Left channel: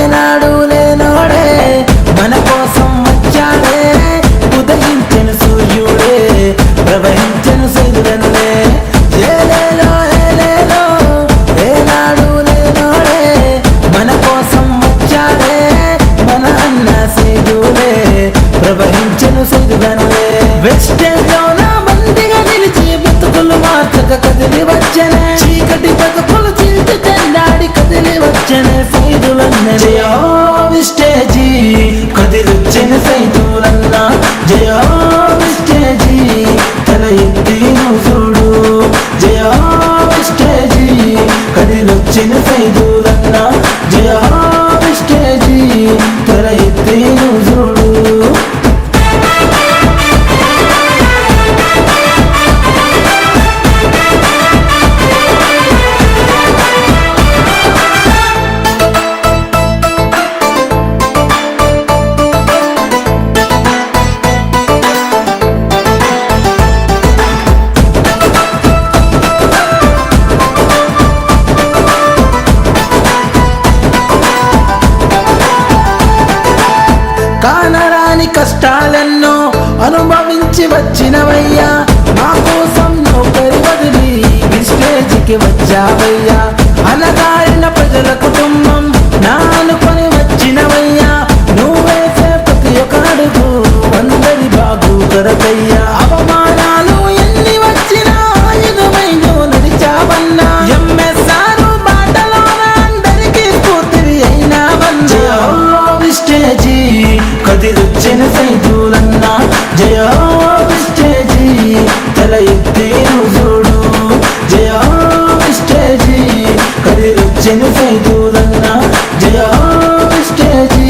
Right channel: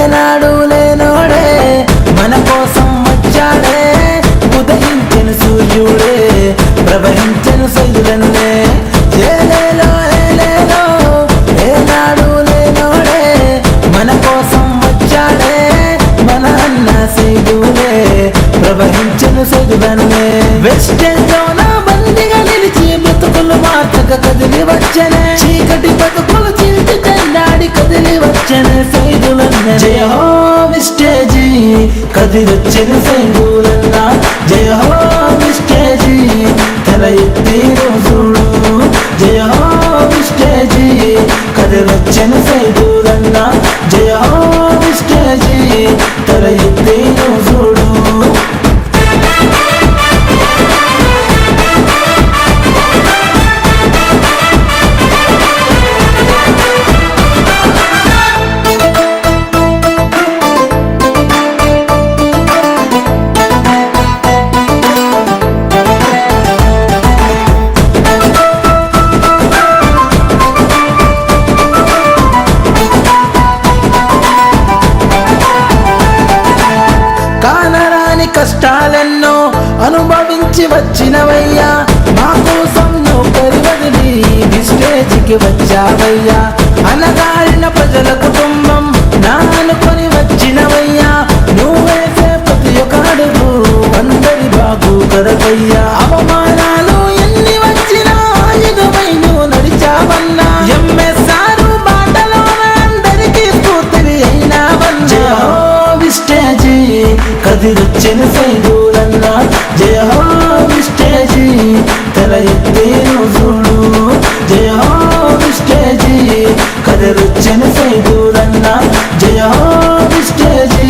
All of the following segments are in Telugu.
ఏనాడు లేనోడే మన కోసం వచ్చాడే, ఉదయించెను సూర్యుడే ప్రవహించెను సైదులన్నే. ఏలేలో ఏలేలో ఏనాడు లేనోడే మన కోసం వచ్చాడే, మన అన్న సైదులే ప్రవహించెను సైదులన్నే. వెస్టేజ్ లోన బందిగా నిలిచి బ్రతుకులు మార్చక కదిలి వచ్చనే, చీకటి బతుకులు చీల్చి చెండాడి కదిలి వచ్చనే సైదులన్నే. జయ హో వెస్టేజీ కదిలొచ్చిన సైదులన్న, జయ హో వెస్టేజీ తల ఎత్తి చూడు, జయ హో వెస్టేజీ కదిలొచ్చిన సైదులన్న, జయ హో వెస్టేజీ తల ఎత్తి చూడు. కానరాని కష్టాలెన్నో అనుభవించి వచ్చినవయ్యా, మా కోసం నౌకరి వదిలి విస్టేజ్కి వచ్చావయ్యా. అనగారిన ప్రజల కుటుంబం నా అనుకొని వచ్చినవయ్యా, నువ్వేసే ప్రతి ఒక్క అడుగు అందరి బాగు కొరకయ్యా. అవమానాలు ఎన్ని వచ్చినా ఎదువై నువ్వు నడిచావన్నా, ఎంఎస్ఆర్ బాటలోన అందరికీ స్ఫూర్తివి అయినావన్నా. విస్టేజీ కదిలొచ్చిన సైదులన్న, జయ హో విస్టేజీ తల ఎత్తి చూడు, జయ హో విస్టేజీ కదిలొచ్చిన సైదులన్న, జయ హో విస్టేజీ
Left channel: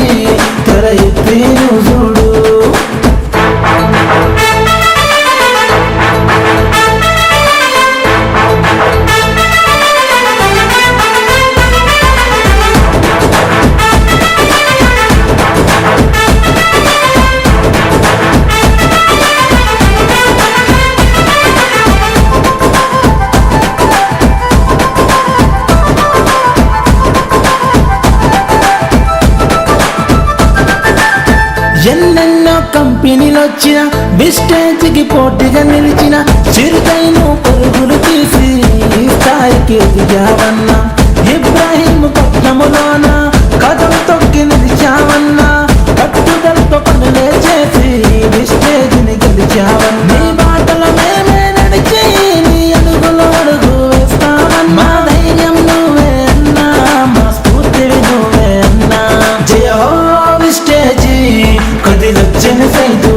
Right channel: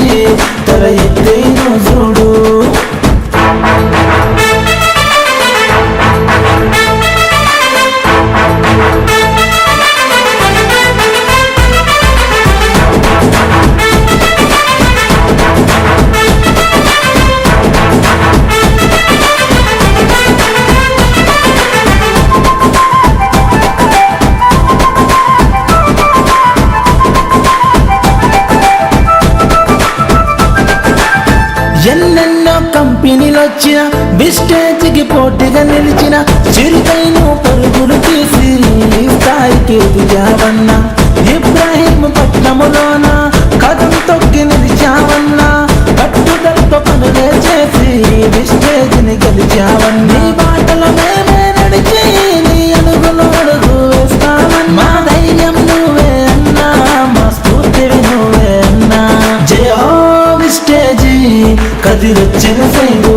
తల ఎత్తి చూడు. ఎన్నెన్నో కంపెనీలొచ్చిన విస్టేజ్కి పోటీగా నిలిచిన, చిరుకైను పరుగులు తీసి ఈ స్థాయికి ఎదిగావన్నా. ఇబ్రాహీం పట్నములోన కదం తొక్కి నిలిచావన్నా, కట్టుదలతో పనులే చేసి విస్టేజ్ని గెలిచావన్నా. నీ బాటల మేమే నడిచి నీ అడుగులు అడుగు వేస్తామన్నా, మా ధైర్యం నువ్వే అన్నా, మా స్ఫూర్తివి నువ్వే అన్నా. జయ హో విస్టేజీ కదిలొచ్చిన సైదు